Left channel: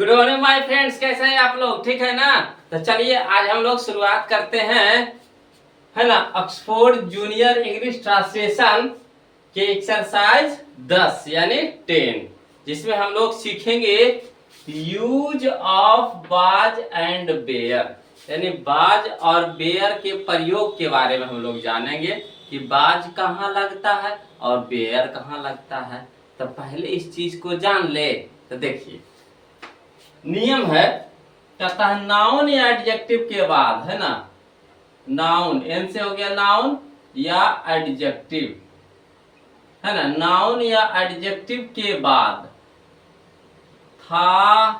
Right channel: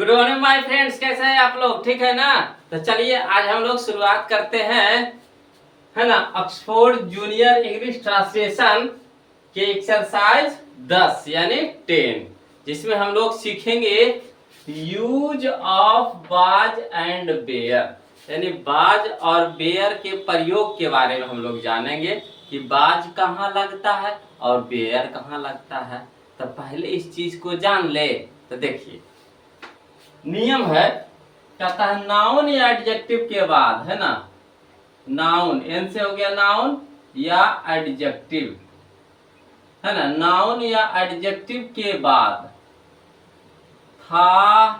Good morning my friends, कैसे हैं आप लोग? ठीक है ना? तो चलिए आज हम लोग शुरुआत करते हैं, है ना, ऑक्सफोर्ड जूनियर इंग्लिश ट्रांसलेशन के एक्सरसाइज 10 यानी 10, जिसमें हम लोग सीखेंगे यूज ऑफ बाज एंड बेयर, यानी बाज और बेयर के प्रयोग के बारे में हम लोग जानेंगे कि बाज कहाँ लगता है और बेयर कहाँ लगता है। तो पहले इस चीज को जान ले। तो देखिए, नियम है, कहता है नाउन या एडजेक्टिव के बाद, है ना, नाउन एन से हो गया नाउन या एडजेक्टिव, है ना, नाउन या एडजेक्टिव के बाद था,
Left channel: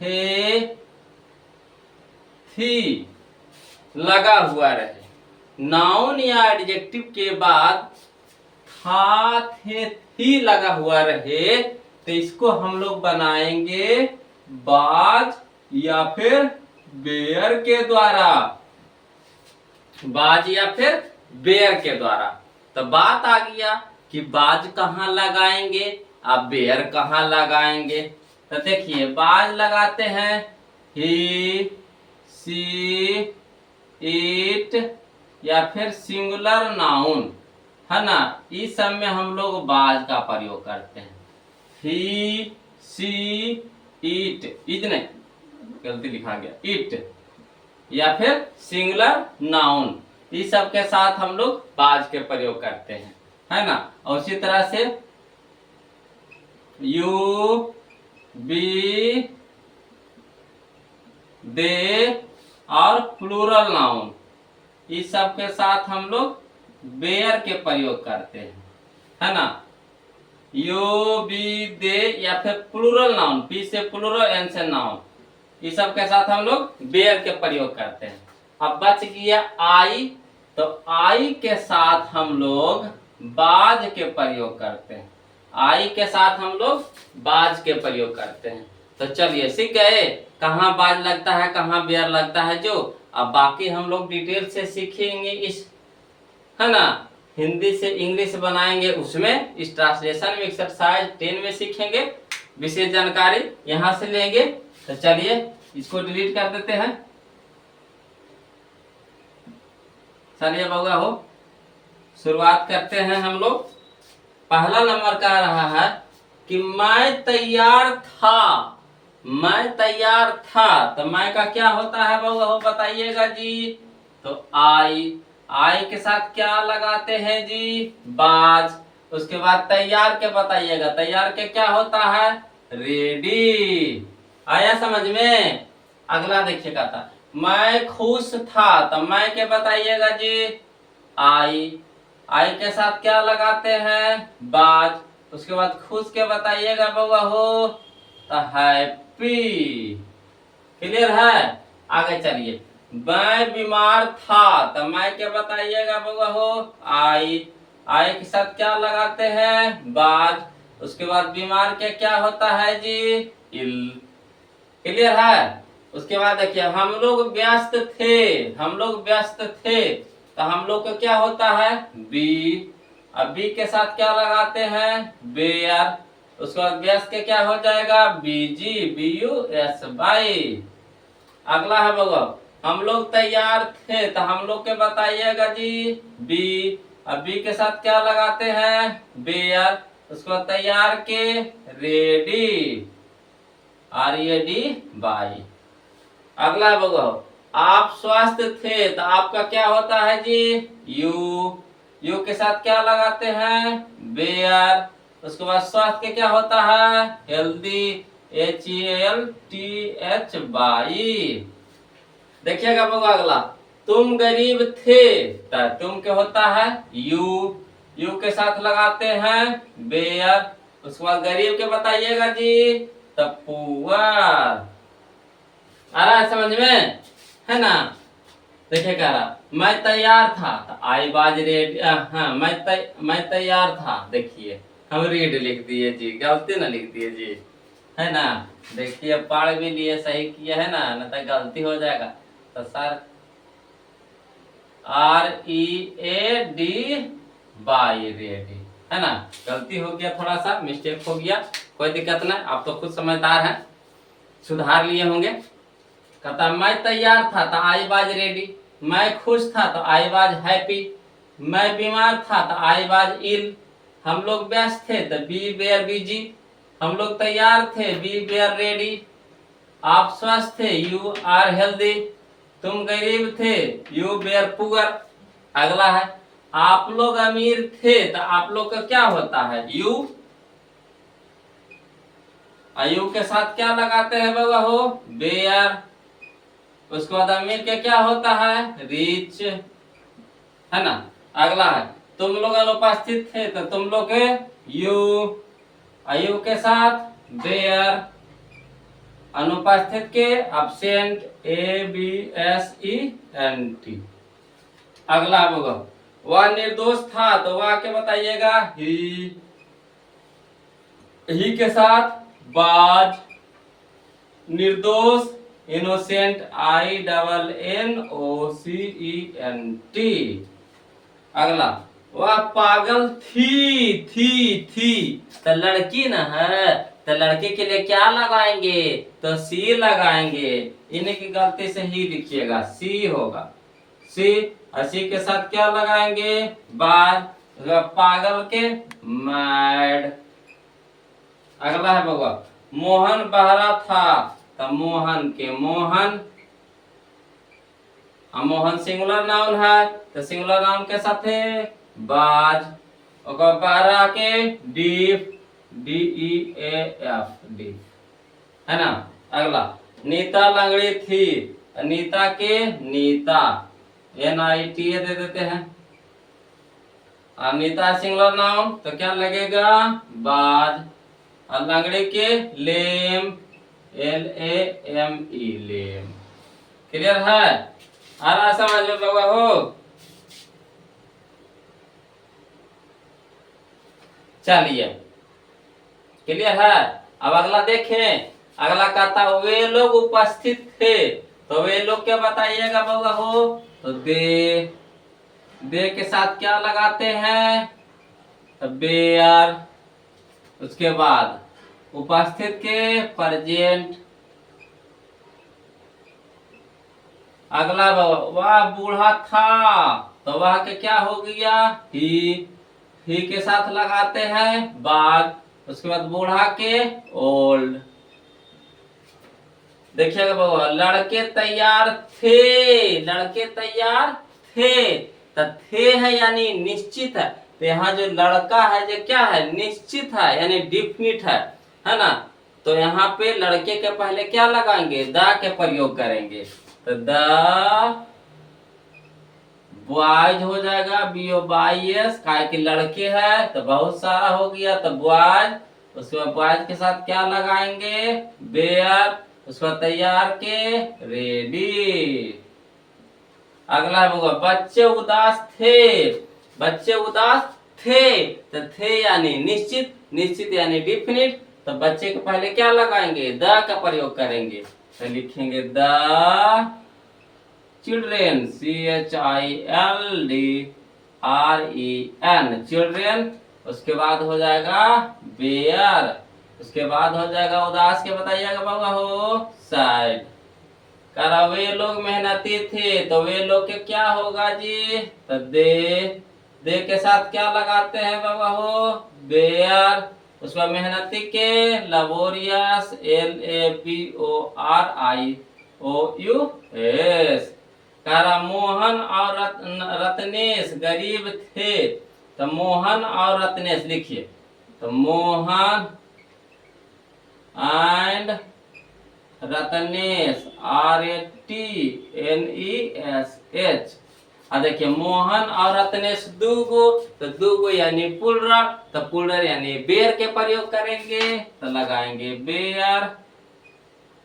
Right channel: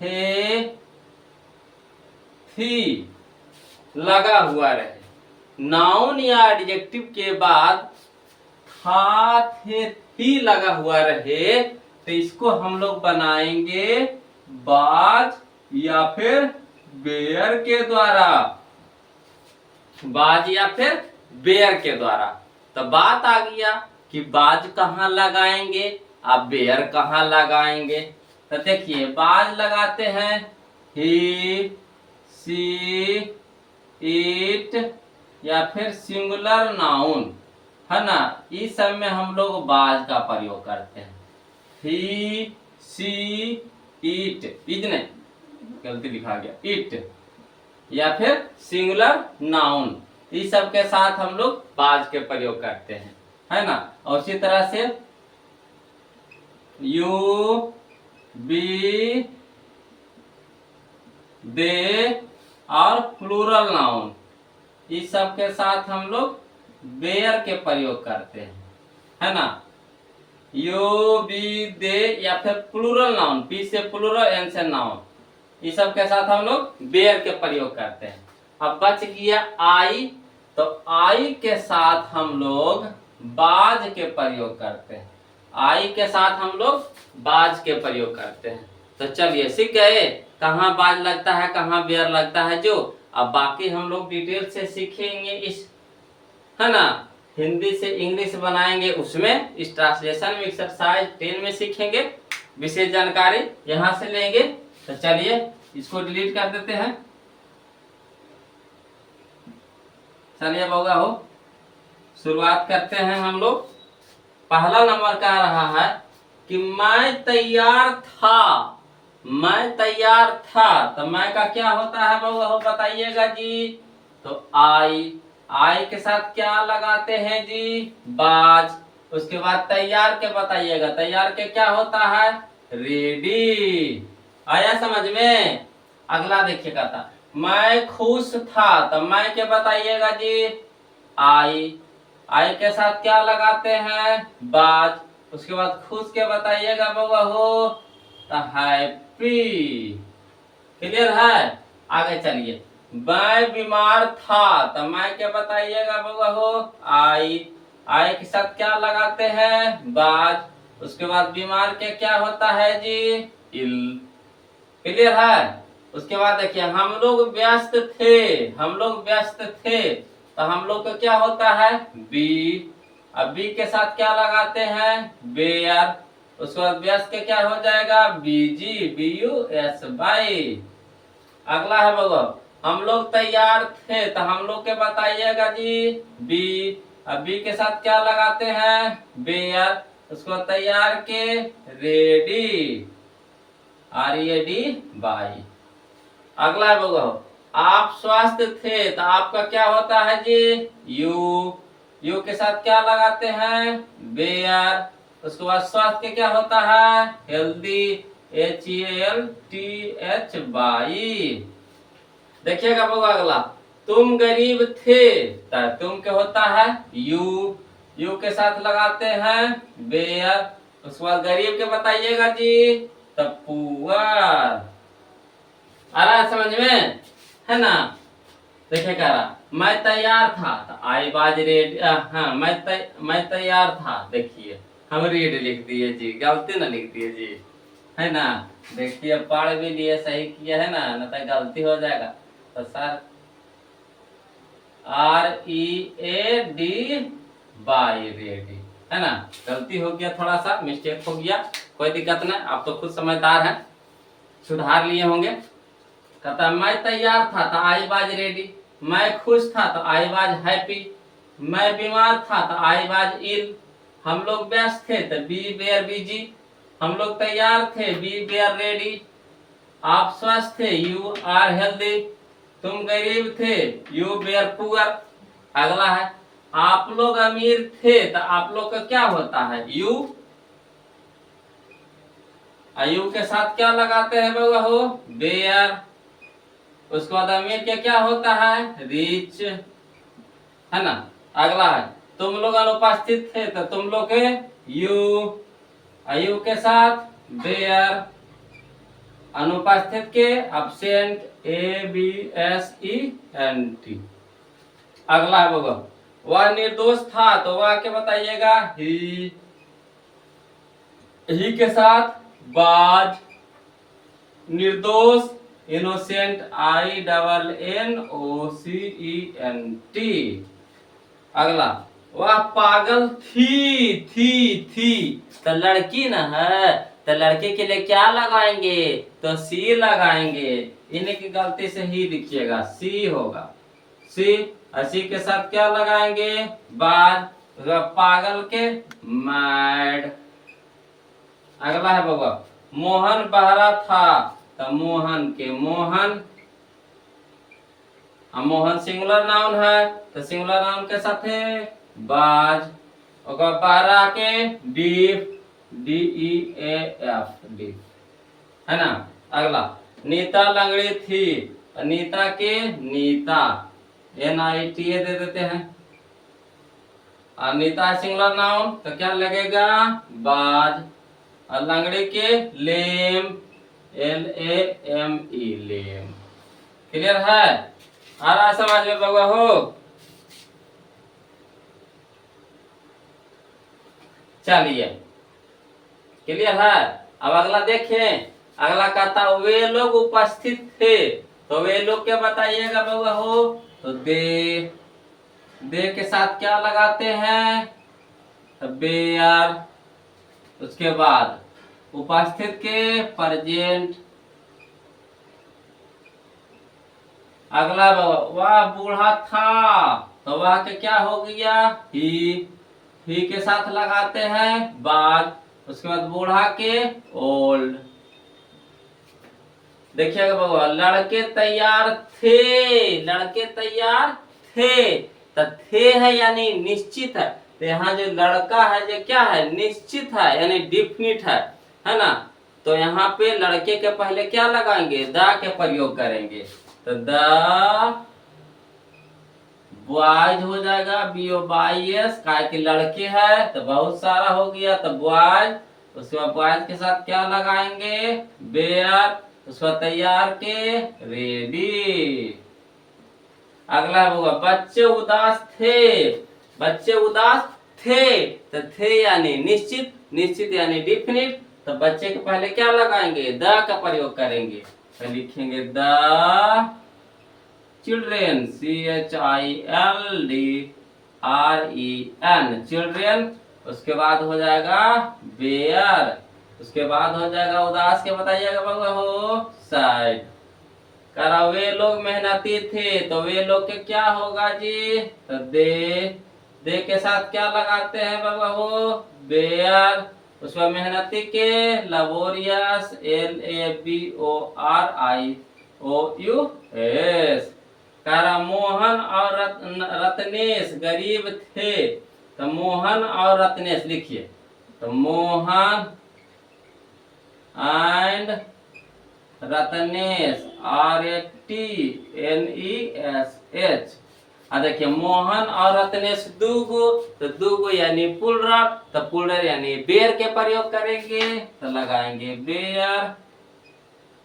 थे, थी लगा हुआ रहे। नाउन या एडजेक्टिव के बाद था, थे, थी लगा हुआ रहे, तो इसको हम लोग बनाएंगे बाज या फिर बेयर के द्वारा, बाज या फिर बेयर के द्वारा। तो बात आ गया कि बाज कहाँ लगाएंगे, अब बेयर कहाँ लगाएंगे। तो देखिए, बाज लगाते हैं ही, सी, इट या फिर सिंगुलर नाउन, है ना, इस सब में हम लोग बाज का प्रयोग करते हैं। ही, सी, इट, इतने गलती लिखा गया, इट या फिर सिंगुलर नाउन, इस सब के साथ हम लोग बाज के प्रयोग करते हैं, है ना। और उसी तरह से यू, बी, दे और प्लूरल नाउन, इस सब के साथ हम लोग बेयर के प्रयोग करते हैं, है ना। यू, बी, दे या फिर प्लूरल नाउन, पी से प्लूरल, एन से नाउन, इस सब के साथ हम लोग बेयर के प्रयोग करते हैं। अब बच गया आई, तो आई के साथ हम लोग बाज के प्रयोग करते हैं, आई के साथ हम लोग बाज के प्रयोग करते हैं। तो चलिए सीख गए कहाँ बाज लगता है, कहाँ बेयर लगता है। जो अब बाकी हम लोग डिटेल से सीखेंगे इस, है ना, हिंदी से इंग्लिश बनाएंगे, उसमें इस ट्रांसलेशन में एक्सरसाइज 10 में सीखेंगे, विशेष जानकारी यहाँ से लेंगे। तो चलिए इसको डिलीट कर देते हैं। चलिए बउआ हो, शुरुआत करते हैं हम लोग। पहला नंबर कह रहा है कि मैं तैयार था, मैं तैयार था। तो मैं का क्या होता है बउआ हो, बताइएगा जी। तो आई के साथ क्या लगाते हैं जी, बाज। उसके बाद तैयार के बताइएगा, तैयार के क्या होता है, रेडी। आया समझ में? अगला देखिएगा, था मैं खुश था, तो मैं के बताइएगा जी, आई के साथ क्या लगाते हैं, बाज। उसके बाद खुश के बताइएगा बउआ हो, तो हैप्पी। क्लियर है? आगे चलिए, मैं बीमार था, तो मैं क्या बताइएगा बउआ हो, आई के साथ क्या लगाते हैं, बाज। उसके बाद बीमार के क्या होता है जी, इल। क्लियर है? उसके बाद देखिए, हम लोग व्यस्त थे, हम लोग व्यस्त थे, तो हम लोग का क्या होता है, बी। अब बी के साथ क्या लगाते हैं, बेयर। उसके बाद व्यस्त के क्या हो जाएगा, बीजी, बी यू एस बाई। अगला है बगो, हम लोग तैयार थे, तो हम लोग के बताइएगा जी, बी। अब बी के साथ क्या लगाते हैं, बेयर। उसको तैयार के, रेडी, RED बाई। अगला है बगो, आप स्वस्थ थे, तो आपका क्या होता है जी, यू के साथ क्या लगाते हैं, बेयर। उसके बाद स्वास्थ्य के क्या होता है, हेल्दी, HELTH बाई। देखिएगा बउआ अगला, तुम गरीब थे, तो तुम क्या होता है, यू के साथ लगाते हैं बेयर। उसके बाद गरीब के बताइएगा जी, तो पुअर। आ रहा है समझ में, है ना। देखिए कह रहा, मैं तैयार था, तो आई बाज रेड। हाँ, मैं तैयार था, देखिए हम रेड लिख दिए जी, गलती ना लिख दिए जी, है ना। देखिए पढ़ भी लिए, सही किया है ना, नहीं तो गलती हो जाएगा। तो सर READ बाई, रेडी, है ना। गलती हो गया, थोड़ा सा मिस्टेक हो गया, कोई दिक्कत नहीं, आप तो खुद समझदार हैं, सुधार लिए होंगे। कहता मैं तैयार था तो आई वाज रेडी, मैं खुश था तो आई वाज हैप्पी, मैं बीमार था तो आई वाज इल, हम लोग व्यस्त थे तो बी वेयर बिजी, हम लोग तैयार थे बी वेयर रेडी, आप स्वस्थ थे यू आर हेल्दी, तुम गरीब थे यू वेयर पुअर। अगला है आप लोग अमीर थे तो आप लोग का क्या होता है यू, यू के साथ क्या लगाते हैं बाबा हो वेयर। उसके बाद अमीर के क्या होता है रिच, है ना। अगला है तुम लोग अनुपस्थित थे तो तुम लोग के यू, यू के साथ वेयर, अनुपस्थित के absent A B S E N T. अगला है बाबा वह निर्दोष था तो वह क्या बताइएगा ही के साथ बाज, निर्दोष innocent I double N O C E N T. अगला वह पागल थी तो लड़की न है तो लड़के के लिए क्या लगाएंगे तो सी लगाएंगे, इन्हीं की गलती से ही लिखिएगा सी होगा सी। सी के साथ क्या लगाएंगे बाद, पागल के मैड। अगला है बाबा मोहन बहरा था तो मोहन के मोहन, मोहन सिंगुलर नाउन है तो सिंगुलर नाउन के साथ है बाज, और बहरा के deaf D E A F deaf, है ना। अगला नीता लंगड़ी थी, नीता के Neeta N I T A दे देते हैं, नीता सिंगुलर नाउन तो क्या लगेगा बाज, और लंगड़ी के lame L A M E lame. Clear है, आ रहा समझ में बाबा हो। चलिए क्लियर है। अब अगला देखें, अगला कहता वे लोग उपस्थित थे तो वे लोग क्या बताइएगा बाबा हो तो दे के साथ क्या लगाते हैं तो बेयर। उसके बाद उपस्थित के प्रेजेंट। अगला वह बूढ़ा था तो वह के क्या हो गया ही के साथ लगाते हैं बाग। उसके बाद बूढ़ा के ओल्ड। देखिएगा बाबा लड़के तैयार थे, लड़के तैयार थे तो थे है यानी निश्चित है, तो यहाँ जो लड़का है जो क्या है निश्चित है यानी डिफिनिट है ना। तो यहाँ पे लड़के के पहले क्या लगाएंगे द के प्रयोग करेंगे तो द बॉयज हो जाएगा BOYS, काय के लड़के है तो बहुत सारा हो गया तो बॉयज। उसके बाद बॉयज के साथ क्या लगाएंगे बेयर, उसके बाद तैयार के रेडी। अगला होगा बच्चे उदास थे, बच्चे उदास थे तो थे यानी निश्चित, निश्चित यानी डिफिनिट, तो बच्चे के पहले क्या लगाएंगे द का प्रयोग करेंगे तो लिखेंगे द चिल्ड्रेन CHILDREN चिल्ड्रेन। उसके बाद हो जाएगा बेयर, उसके बाद हो जाएगा उदास के बताइएगा बाबा हो साइड। करा वे लोग मेहनती थे तो वे लोग के क्या होगा जी तो दे के साथ क्या लगाते हैं बाबा हो बेयर। उसका मेहनती के लबोरियस LABORIOUS। करा मोहन और रत्नेश गरीब थे तो मोहन और रत्नेश लिखिए तो मोहन एंड रत्नेश RATNESH। देखिए मोहन और रत्नेश दूगो तो दूगो यानी पुलर, तो पुलर यानी बेर के प्रयोग करेंगे तो लगाएंगे बेयर।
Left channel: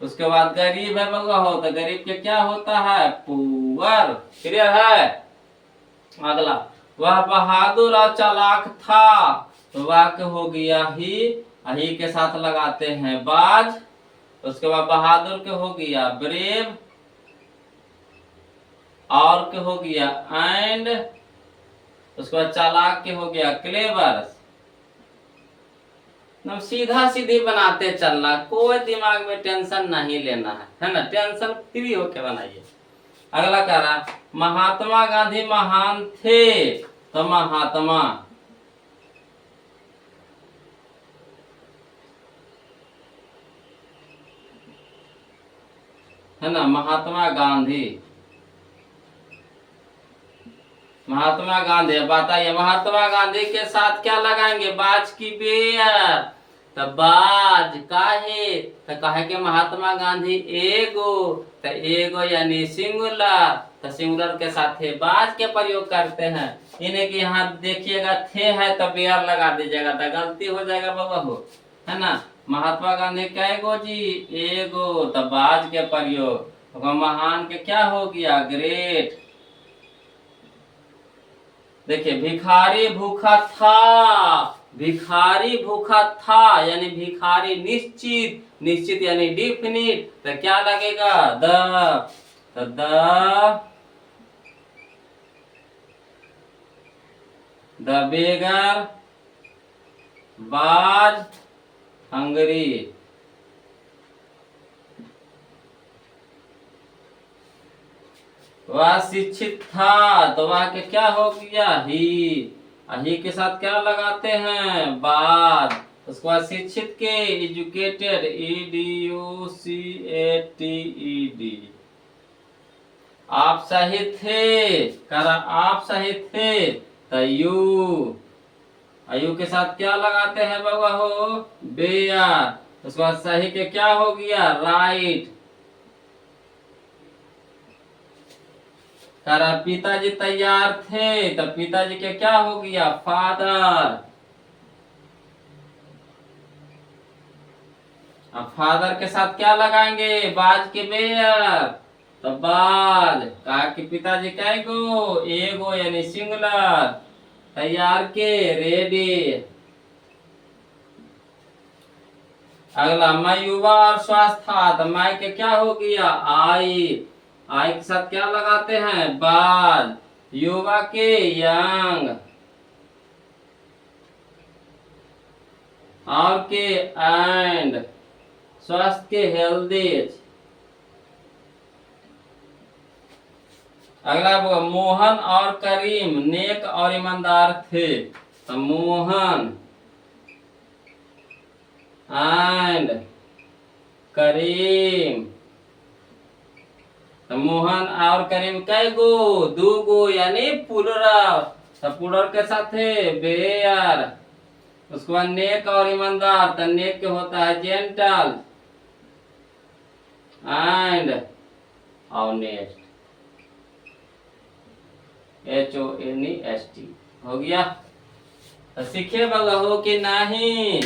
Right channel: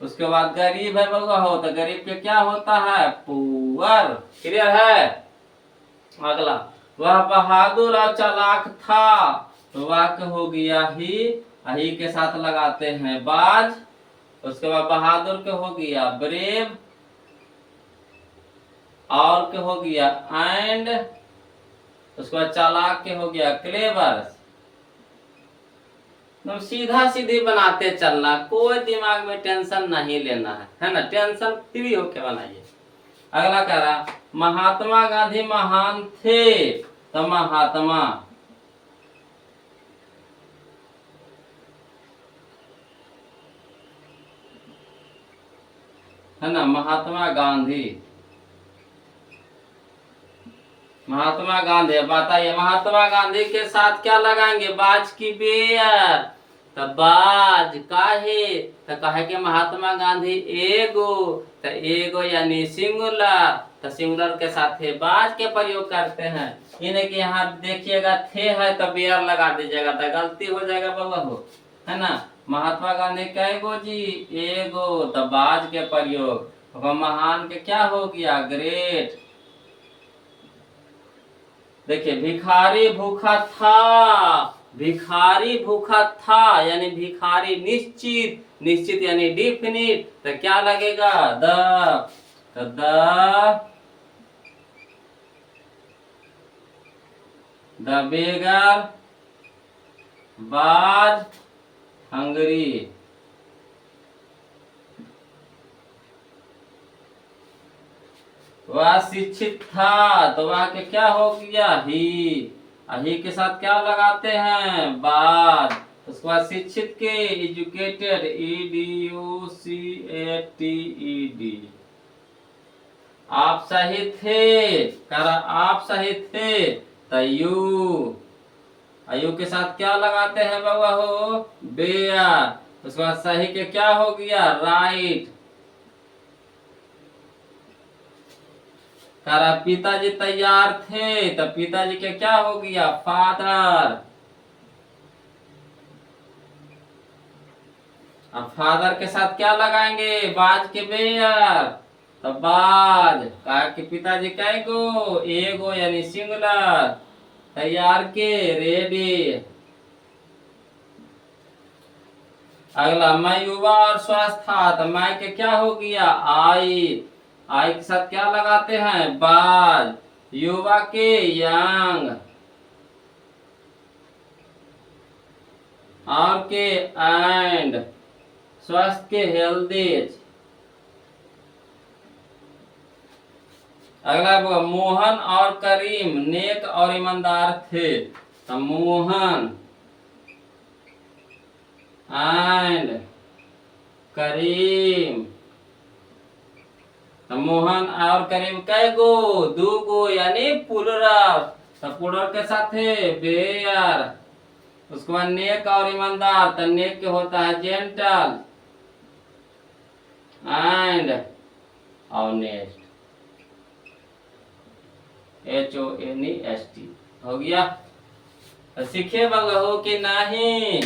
उसके बाद गरीब है बाबा हो तो गरीब के क्या होता है पुअर। क्लियर है। अगला वह बहादुर और चालाक था तो वाक्य हो गया ही के साथ लगाते हैं बाज। उसके बाद बहादुर के हो गया ब्रेव और के हो गया एंड। उसके बाद चालाक के हो गया क्लेवर। एकदम सीधा सीधी बनाते चलना, कोई दिमाग में टेंशन नहीं लेना है ना, टेंशन फ्री होके बनाइए। अगला कह रहा महात्मा गांधी महान थे, तो महात्मा, है ना, महात्मा गांधी, महात्मा गांधी। बताइए महात्मा गांधी के साथ क्या लगाएंगे, बाज की बेयर, तो बाज काहे, तो कहे कि महात्मा गांधी एगो, तो एगो यानी सिंगुलर, तो सिंगुलर के साथ थे बाज के प्रयोग करते हैं। इन्हें कि यहाँ देखिएगा थे है तो बेयर लगा दीजिएगा, तो गलती हो जाएगा बाबा हो, है ना। महात्मा गांधी कैगो जी, एगो, तो बाज के प्रयोग। महान के क्या हो गया, ग्रेट। देखिए भिखारी भूखा था, भिखारी भूखा था यानी भिखारी निश्चित, निश्चित यानी डिफिनिट, तो क्या लगेगा, द, तो द बेगर वाज हंगरी। वह शिक्षित था, तो वह के क्या हो गया, ही के साथ क्या लगाते हैं, बाद। उसके बाद शिक्षित के एजुकेटेड, EDUCATED। आप सही थे, कर आप सही थे, तो यू के साथ क्या लगाते हैं बाबा हो, बेयर। उसके बाद सही के क्या हो गया, राइट। करा पिताजी तैयार थे, तो पिताजी के क्या हो गया, फादर। अब फादर के साथ क्या लगाएंगे, बाज के बेयर, तो बाज। कहा कि पिताजी कैगो, एगो यानी सिंगुलर, तैयार के रेडी। अगला मैं युवा और स्वास्थ्य था, तो मैं के क्या हो गया, आई। आई के साथ क्या लगाते हैं, बाज। युवा के यंग, और के एंड, स्वास्थ्य के हेल्दी। अगला मोहन और करीम नेक और ईमानदार थे, तो मोहन एंड करीम, तो मोहन और करीम कैगो, दूगो यानी पुलरल, तो पुलरल के साथ है बेयर। उसके बाद नेक और ईमानदार, तो नेक के होता है जेंटल एंड ऑनेस्ट, HONEST हो गया। तो सीखे बाबा हो कि नहीं,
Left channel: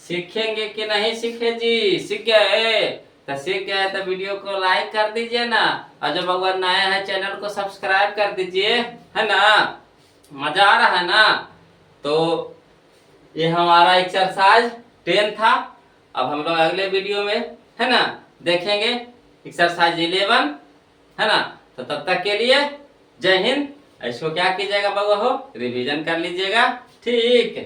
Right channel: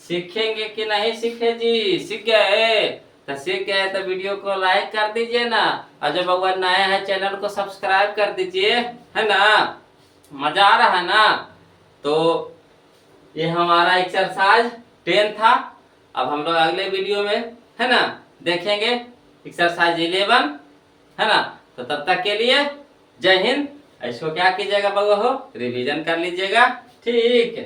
सीखेंगे कि नहीं सीखे जी, सीख गए, तो सीख गए तो वीडियो को लाइक कर दीजिए ना, और जो बाबा नया है चैनल को सब्सक्राइब कर दीजिए, है ना। मजा आ रहा है ना। तो ये हमारा एक्सरसाइज 10 था। अब हम लोग अगले वीडियो में, है ना, देखेंगे एक्सरसाइज 11, है ना। तो तब तक के लिए जय हिंद। इसको क्या कीजिएगा बाबा हो, रिवीजन कर लीजिएगा, ठीक।